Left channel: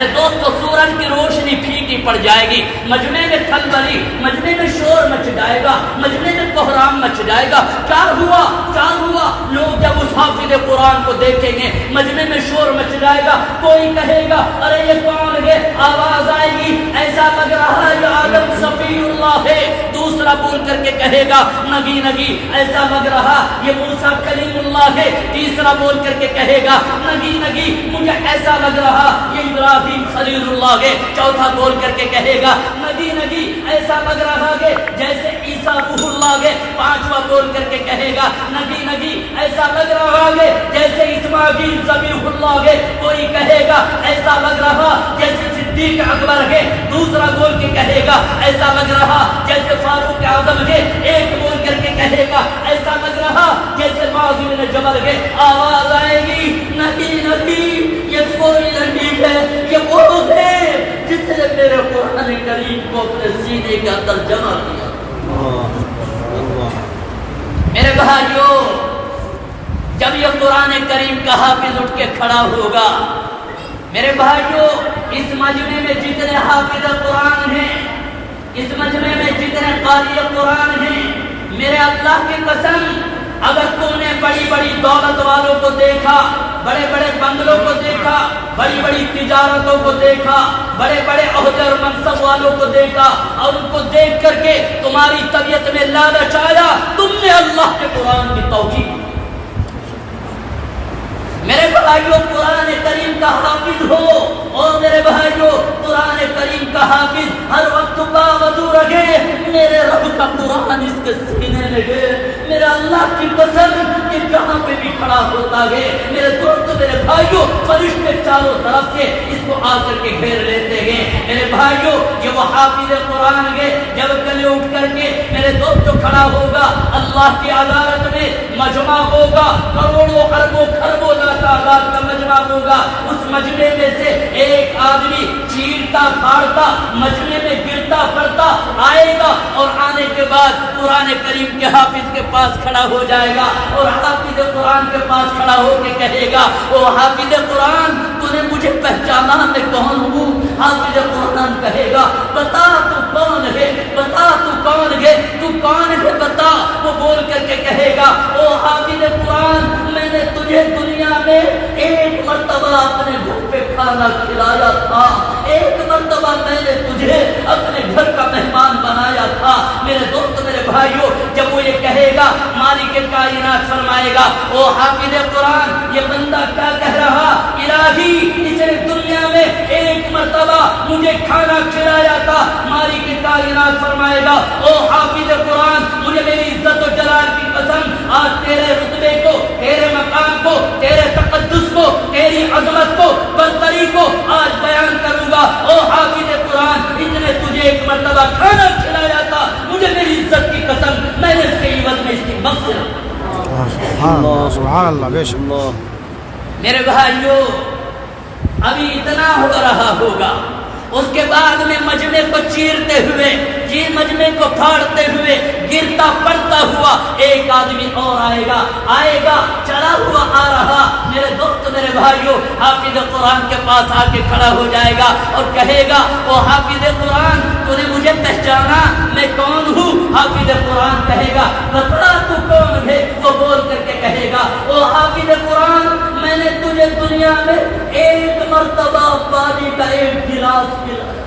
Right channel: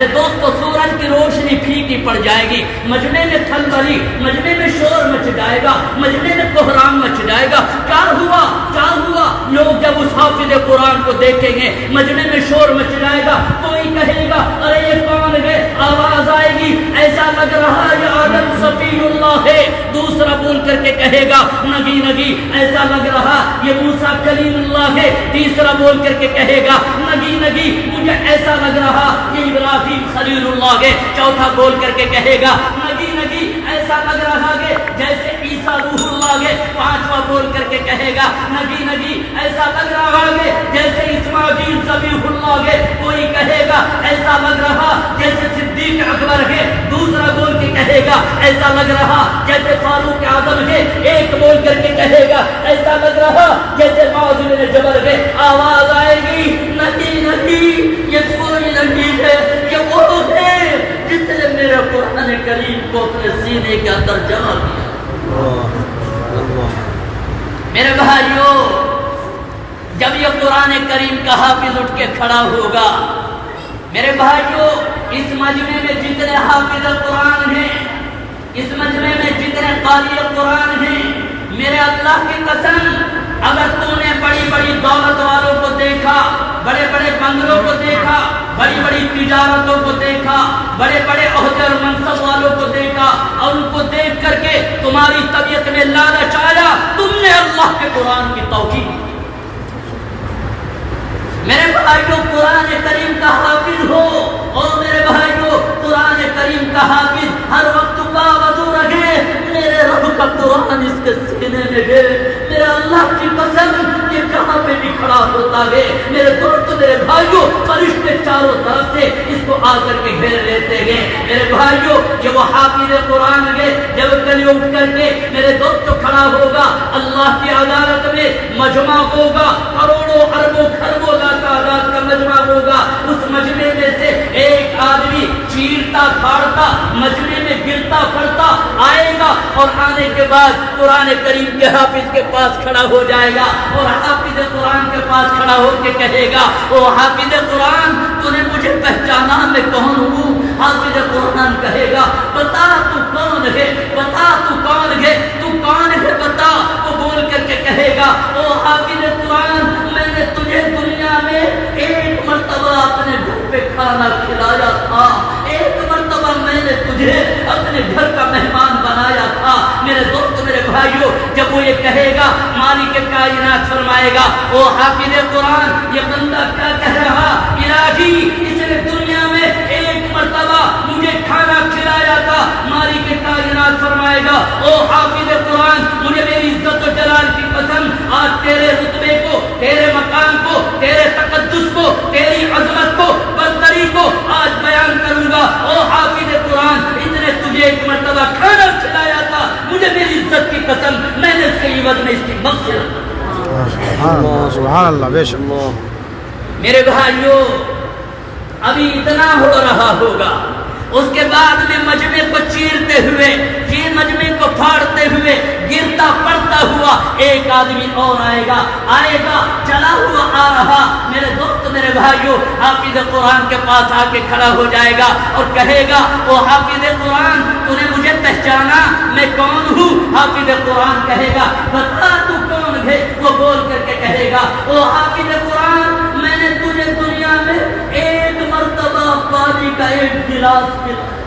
دوستو سورج کی روشنی پھیکی پڑ جائے گی، مجمع میں کھلبلی، مجمع میں شور مچ جائے گا، مجمع میں کوہرام مچ جائے گا۔ کیا ہوا لوگ جب اس حافظ قرآن کو دیکھیں گے مجمع میں شور مچ جائے گا، کوئی کہے گا ارے یہ کون ہے، آواز آئے گی ایسا لگ رہا ہے یہ آدم صفی اللہ ہے، دوسرا بول کر کے کہے گا نبی ایسا لگ رہا یہ موسیٰ کلیم اللہ ہے، تیسرا بول کر کے کہے گا نبی مجھے ایسا لگ رہا یہ ابراہیم خلیل اللہ ہے، چوتھا بول کر کے کہے گا نبی ایسا لگ رہا ہے جیسے عیسیٰ روح اللہ ہے، پانچواں بول کر کے کہے گا نبی ایسا لگ رہا ہے جیسے اسماعیل ذبیح اللہ ہے، کوئی کہے گا ایسا لگ رہا جیسے صدیق اکبر ہے، دوسرا بول کے کہے گا ایسا لگ رہا جیسے فاروق اعظم ہے، ایک بول کر کے کہے گا ایسا لگ رہا جیسے معاذ بن جبل ہے۔ آواز آئے گی نبی یہ کوئی نہیں ہے، یہ وہ ہے جس نے میرے قرآن کریم کو اپنے سینے کے اندر جمع کیا۔ میرے بھائیوں، جب یہ قرآن کریم کا حافظ اٹھ کے کھڑا ہوگا، میرے بھائیوں اس مجمع میں جتنے حافظ قرآن ہیں، اس مجمع میں جتنے قاری قرآن ہیں، میرے اللہ کی قسم اگر تم نے بڑی بڑی دولت والوں کو دیکھا، بڑے بڑے بنگلوں کو دیکھا، بڑی بڑی تجارتوں کو دیکھا، بڑے بڑے عہدے اور منصب والوں کو دیکھا اور ان کو دیکھ کر کے تمہاری طبیعت میں لالچ آیا، تم نے اللہ کے قرآن کی توہین کی۔ میرے بھائیوں قرآن کریم کا حافظ ہو، اور میرے بھائیوں قرآن کریم کا حافظ ہر وقت کا وضو رکھے، میرے رب کا قرآن اس کے سینے میں ہے، میرا اللہ کی قسم یہ جہاں پہ بھی کھڑا ہوتا ہے میرے دوست میرے بھائیوں فرشتے چاروں طرف سے اس کو آ کر کے گھیر لیتے ہیں۔ میرے بھائیوں یہ وہ حافظ قرآن ہے، جب کل اٹھ کر کے میرے دوست کھڑا ہوگا اللہ کی عدالت میں مجمع ہوگا، کروڑوں اربوں خربوں تعداد کا مجمع ہوگا، اس مجمع میں سے ایک آدمی چیرتا پھاڑتا مجمع میں گرتا پڑتا آئے گا، اور آنے کے بعد قرآن کریم کے حافظ کے پاس کھڑا ہو جائے گا، اور حافظ قرآن کے پاس کھڑا ہو کے کہے گا او حافظ قرآن تو نے مجھے پہچانا میں کون ہوں؟ حافظ قرآن کہے گا بتا تو کون ہے، بتا تو کون ہے، تو کون ہے بتا۔ وہ بول کر کے کہے گا او حافظ قرآن میں نے تجھے دنیا میں ایک مرتبہ اپنے گھر پہ کھانا کھلایا تھا، ایک مرتبہ میں نے تجھے اپنے گھر کا مہمان بنایا تھا۔ میرے دوست میرے بھائیوں جب وہ یہ کہے گا مالک کائنات فرمائے گا او حافظ قرآن یہ بندہ کیا کہہ رہا، الہی اس نے دنیا میں ایک مرتبہ مجھے کھانا کھلایا تھا۔ مالک کائنات فرمائے گا او حافظ قرآن مجھے میری عزت و جلال کی قسم آج تیرے رتبے کو، تیرے مقام کو، تیرے تقدس کو، تیری عظمت کو، برتری کو آج بیان کروں گا۔ او حافظ قرآن اس نے تجھے ایک مرتبہ کھانا کھلایا تھا، مجھے میری عزت کی قسم میں نے اس کے عوض میں اس کی مغفرت۔ سبحان اللہ بے شک۔ میرے بھائیوں ابھی اتنا ہو رہا ہوگا، اس کے بعد میں مجمع کو چیرتے ہوئے، مجمع کو پھاڑتے ہوئے، گرتا پڑتا ہوا ایک آدمی اور آئے گا چلا ہوا آ رہا۔ میرے دوست میرے بھائیوں حافظ قرآن کے پاس آ کے کھڑا ہو جائے گا اور کہے گا او حافظ قرآن تو نے مجھے پہچانا میں کون ہوں؟ حافظ قرآن کہے گا بتا تو کون ہے؟ وہ بول کر کے کہے گا او حافظ قرآن میں نے تجھے دنیا میں ایک مرتبہ پانی کا ایک گلاس پلایا،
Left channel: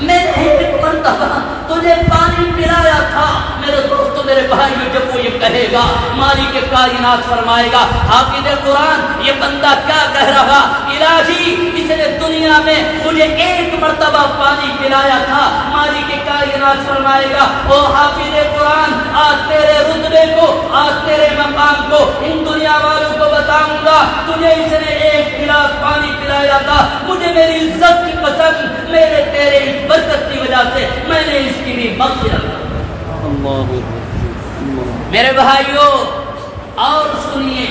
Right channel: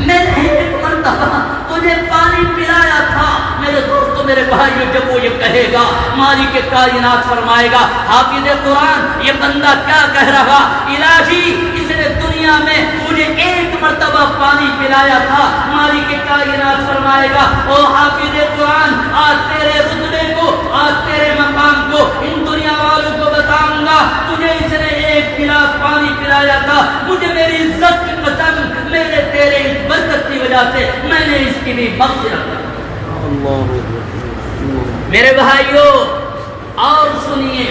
میں نے ایک مرتبہ تجھے پانی پلایا تھا۔ میرے دوستو میرے بھائیوں جب وہ یہ کہے گا مالک کائنات فرمائے گا حافظ قرآن یہ بندہ کیا کہہ رہا، الہی اس نے دنیا میں مجھے ایک مرتبہ پانی پلایا تھا۔ مالک کائنات فرمائے گا او حافظ قرآن آج تیرے رتبے کو، آج تیرے مقام کو ان دنیا والوں کو بتاؤں گا، تجھے اس نے ایک گلاس پانی پلایا تھا، مجھے میری عزت کی قسم میرے تیرے اس برکت کی وجہ سے میں نے اس کی بھی مغفرت۔ میرے بھائیوں اور سنیے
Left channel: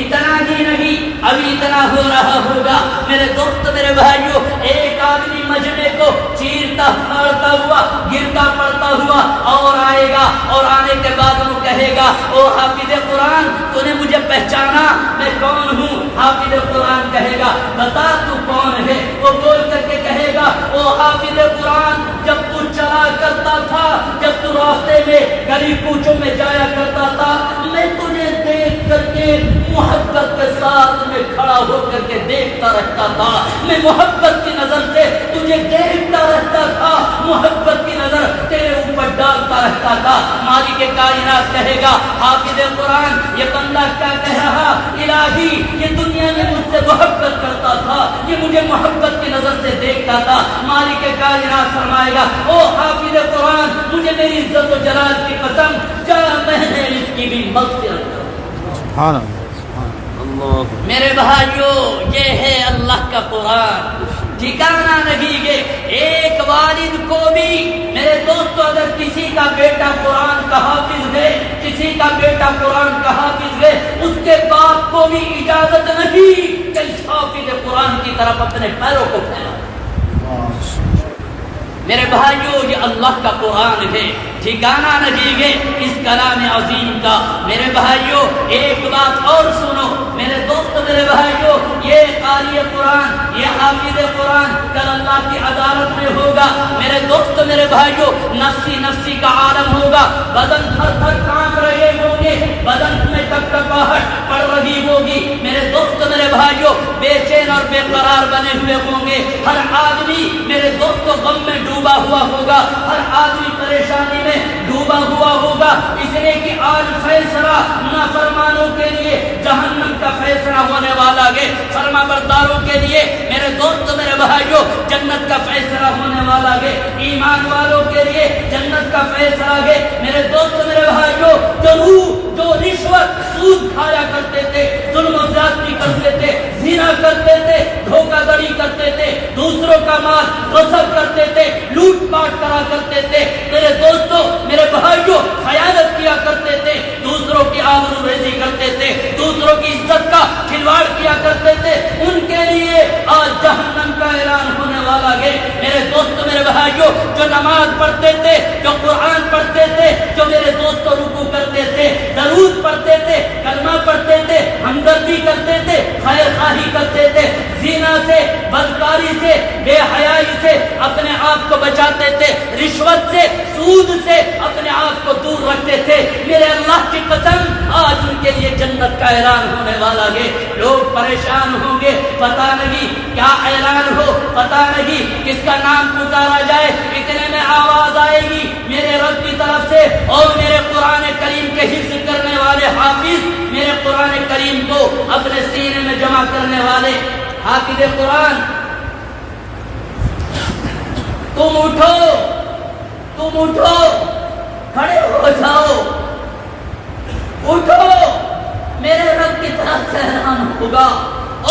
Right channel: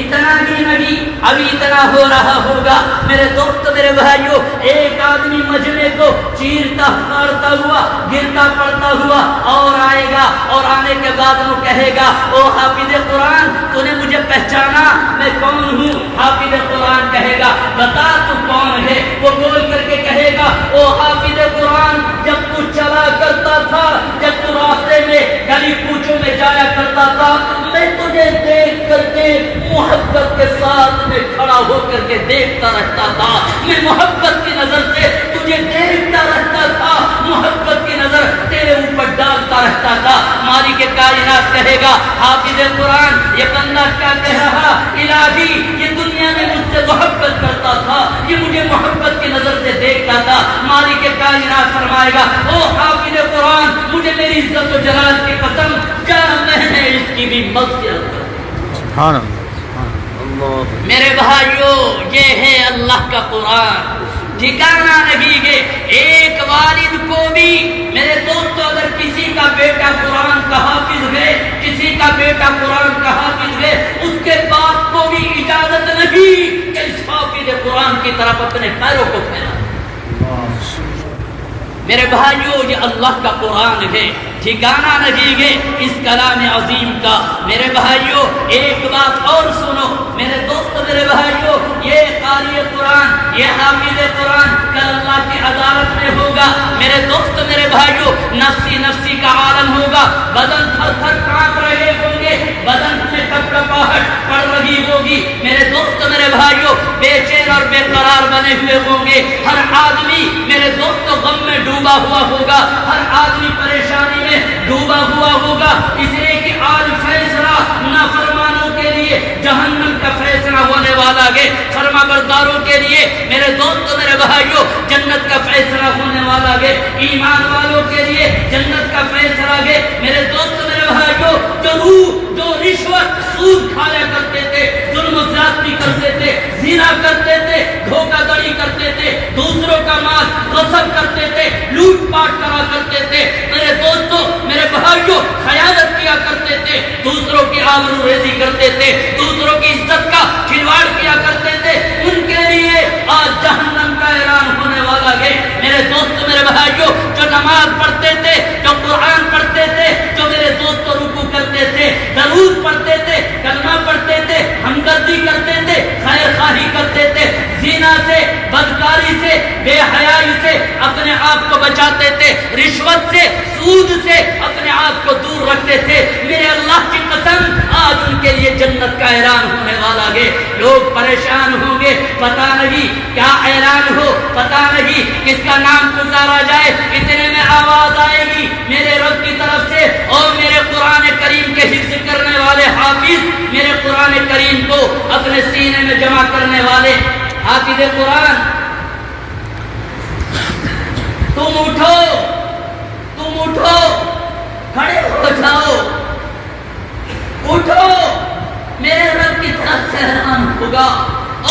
اتنا ہی نہیں ابھی اتنا ہو رہا ہوگا میرے دوست میرے بھائیوں، ایک آدمی مجمع کو چیرتا پھاڑتا ہوا گرتا پڑتا ہوا اور آئے گا، اور آنے کے بعد وہ کہے گا او حافظ قرآن تو نے مجھے پہچانا میں کون ہوں؟ حافظ قرآن کہے گا بتا تو کون ہے؟ وہ بول کر کے کہے گا او حافظ قرآن جب تو چلا کرتا تھا، جب تو راستے میں گلی کوچوں میں جایا کرتا تھا، میں تجھے دیکھ کر کے محبت کے ساتھ میں کھڑا ہو کر کے دیکھتا رہتا تھا، میں محبت کی نظر سے تجھے دیکھتا رہتا تھا، محبت کی نظر تیرے اوپر ڈالتا رہتا تھا۔ مالک کائنات کہے گا حافظ قرآن یہ بندہ کیا کہہ رہا؟ الہی یہ دنیا میں مجھ سے محبت کرتا تھا، یہ مجھے محبت کی نظر سے دیکھتا تھا۔ مالک کائنات فرمائے گا او حافظ قرآن مجھے میری عزت و جلال کی قسم کیا میں نے اس کی بھی مغفرت کر۔ سبحان اللہ۔ میرے بھائیوں یہ ہے اللہ کا قرآن، ٹھکانہ نہیں ہے۔ ایک والد کو بھی میرے دوستو اگر کسی کا بیٹا قرآن کا حافظ ہے، کسی کا بیٹا قرآن کا حافظ ہے، اس کے باپ کو بھی اجازت نہیں کہ اس حافظ قرآن کی طرف اپنے پیروں کو پھیلا۔ میرے بھائیوں یہ اللہ کا قرآن ہے، ٹھکانہ نہیں ہے اس کلام عظیم کا۔ میرے بھائیوں ایک بات اور سنو میرے دوست میرے بھائیوں، یہ قاری قرآن یہ حافظ قرآن کل اللہ کی عدالت میں ہوگا۔ میرے دوست میرے بھائیوں نفسی نفسی کا عالم ہوگا، بدن تھر تھر کانپ رہے ہوں گے، بدن میں کپکپاہٹ پڑ رہی ہوگی۔ میرے دوست میرے بھائیوں بے چین اور بے قرار بنے ہوئے ہوں گے، ہر آدمی میرے دوست غم میں ڈوبا ہوا ہوگا، ہر آدمی پریشانی میں ڈوبا ہوا ہوگا، اس لیے کہ آج فیصلہ نافرمانوں کے لیے جہنم کا فیصلہ ہونے والا ہے، فرما برداروں کے لیے میرے دوست میرے بھائیوں جنت کا فیصلہ ہونے والا ہے، ایمان والوں کے لیے جنت کا فیصلہ ہے۔ میرے دوست میرے بھائیوں جو رشوت سود کھایا کرتے تھے، ظلم و زیادتی کرتے تھے، زنا کرتے تھے، دھوکہ دڑی کرتے تھے، دوسروں کا مال غصب کرتے تھے، لوٹ پاٹ کرا کرتے تھے، میرے دوستوں میرے بھائیوں خیانت کیا کرتے تھے، دوسروں کی آبرو ریزی کرتے تھے، دوسروں کی عزت کا کھلواڑ کیا کرتے تھے، ان کے لیے آج جہنم کا اعلان ہونے والا ہے۔ میرے دوست میرے بھائیوں جو نماز پڑھتے تھے، جو قرآن پڑھتے تھے، جو میرے دوست رکوع کرتے تھے، درود پڑھتے تھے، کلمہ پڑھتے تھے، ہمدردی کرتے تھے، خیر خواہی کرتے تھے، زنا سے بدکاری سے بے حیائی سے اپنے آپ کو بچاتے تھے، رشوت سے سود سے اپنے آپ کو دور رکھتے تھے، میرے اللہ کی قسم آج ان کے لیے جنت کا اعلان ہونے والا ہے۔ لوگ پریشان ہوں گے، پتہ نہیں کیا اعلان ہو، پتہ نہیں کس کا نام پکارا جائے، اتنے میں آواز آئے گی میرے رب کی طرف سے، اور میرے قرآن کریم کے حفظ کرنے والے حافظ، میرے قرآن کریم کو اپنے سینے میں جمع کرنے والے حافظ قرآن، تم اٹھو، تم اٹھو، کھڑے ہو جاؤ، اٹھو، میرے رب کی طرف سے اعلان ہوگا۔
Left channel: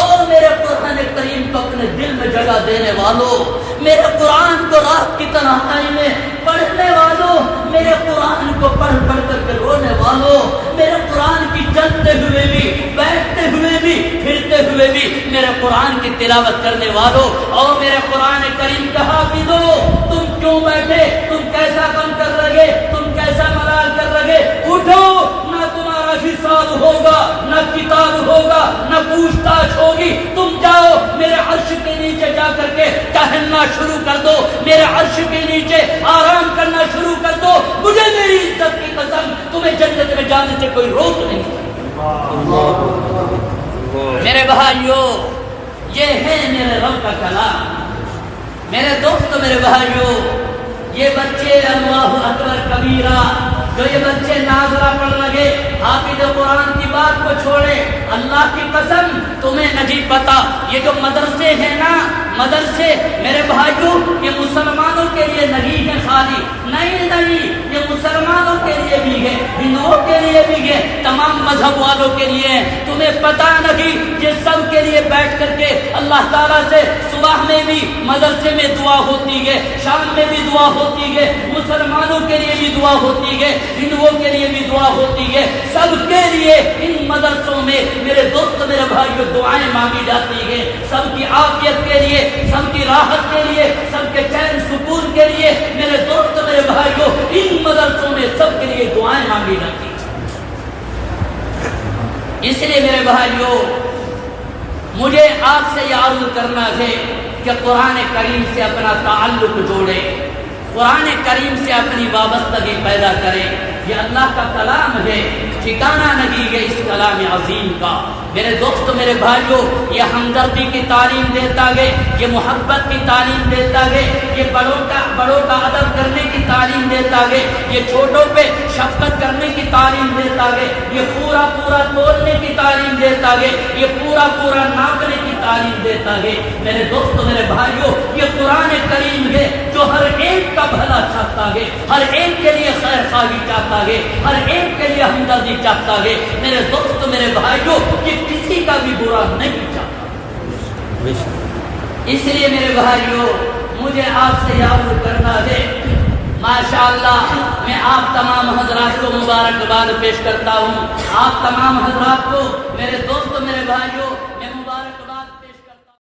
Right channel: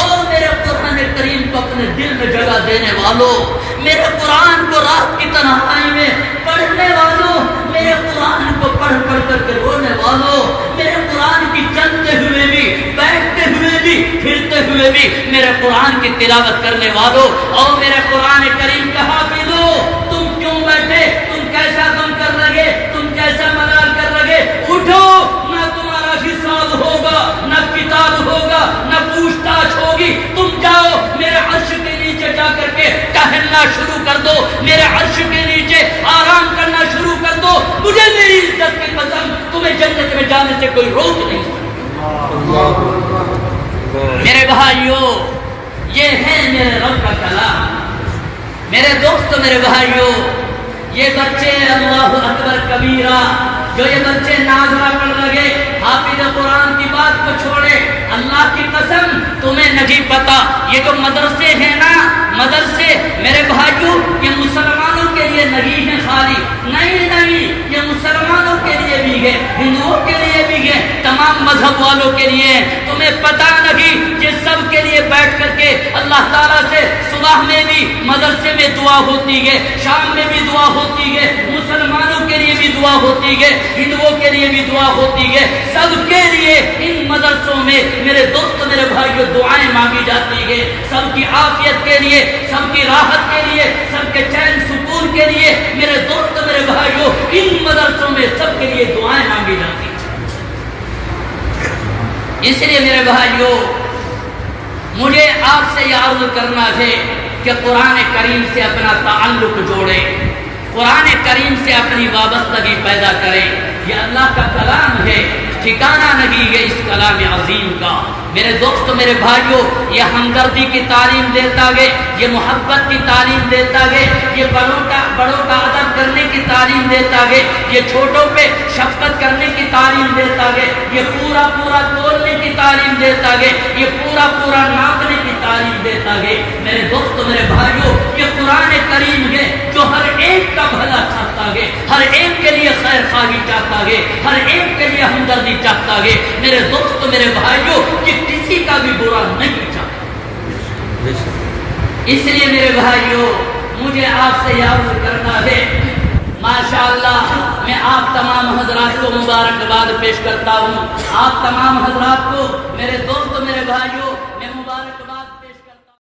اور میرے قرآن کریم کو اپنے دل میں جگہ دینے والوں، میرے قرآن کو رات کی تنہائی میں پڑھنے والوں، میرے قرآن کو پڑھ پڑھ کر کے رونے والوں، میرے قرآن کی چلتے ہوئے بھی، بیٹھتے ہوئے بھی، پھرتے ہوئے بھی میرے قرآن کی تلاوت کرنے والوں، اور میرے قرآن کریم کا حافظو، تم کیوں بیٹھے؟ تم کیسا کام کر رہے؟ تم کیسا ملال کر رہے؟ اٹھو، نہ تمہارا حساب ہوگا، نہ کتاب ہوگا، نہ پوچھ تاچھ ہوگی، تم جاؤ میرے عرش کے نیچے جا کر کے ٹہلنا شروع کر دو، میرے عرش کے نیچے آرام کرنا شروع کر دو، مجھے میری عزت کی قسم تمہیں جنت میں جانے سے کوئی روک نہیں سکتا۔ میرے بھائیوں یہ ہے میرے رب کا کلام۔ میرے دوست میرے بھائیوں یہ بچے اللہ اکبر کبیرہ، جو یہ بچے ناظرہ پڑھ لگے، حافظ قرآن کی بات کو چھوڑے، اللہ کی قسم تمہیں نہیں پتا یہ جو مدرسے ہیں نا، مدرسے میرے بھائیوں یہ مسلمانوں کے لیے نہیں ہے خالی، نہیں، یہ مسلمانوں کے لیے بھی ہے، ہندوؤں کے لیے بھی ہے، تمام مذہب والوں کے لیے ہے۔ تمہیں پتہ نہیں یہ سب کے لیے بیٹھ کر کے اللہ تعالیٰ سے صبح میں بھی مدرسے میں دعا ہوتی ہے، شام میں بھی دعا ہوتی ہے، مسلمانوں کے لیے بھی دعا ہوتی ہے، ہندوؤں کے لیے بھی دعا ہوتی ہے، سب کے لیے ان مدرسوں میں میرے دوست میرے بھائیوں دعائیں مانگی جاتی ہے، سب کی عافیت کے لیے، سب کی راحت کے لیے، سب کے چین سکون کے لیے میرے دوست میرے بھائیوں ان مدرسوں میں سب کے لیے دعائیں مانگی جاتی ہیں۔ اس لیے میرے بھائیوں مجھے آپ سے یہ عرض کرنا ہے کہ قرآن کریم سے اپنا تعلق جوڑے، قرآن کریم سے اپنی وابستگی پیدا کرے۔ یہ اللہ کا کلام ہے، ٹھکانہ نہیں ہے اس کلام عظیم کا۔ میرے دوست میرے بھائیوں یہ ہمدردی کی تعلیم دیتا ہے، یہ محبت کی تعلیم دیتا ہے، یہ بڑوں کا ادب کرنے کی تعلیم دیتا ہے، یہ چھوٹوں پہ شفقت کرنے کی تعلیم دیتا ہے، یہ پورا تولنے کی تعلیم دیتا ہے، یہ پورا ناپنے کی تعلیم دیتا ہے۔ میرے دوست میرے بھائیوں یہ قرآن کریم ہے جو ہر ایک کا بھلا چاہتا ہے، ہر ایک کے لیے خیر خواہی چاہتا ہے، ہر ایک کے لیے ہمدردی چاہتا ہے۔ میرے دوست میرے بھائیوں کہ کسی کا بھی برا نہیں چاہتا۔ اس لیے میرے بھائیوں مجھے آپ سے یاد کرنا ہے، ماشاءاللہ میں آپ تمام حضرات کو مبارکباد پیش کرتا ہوں، آپ تمام حضرات کو میرے دوست میرے بھائیوں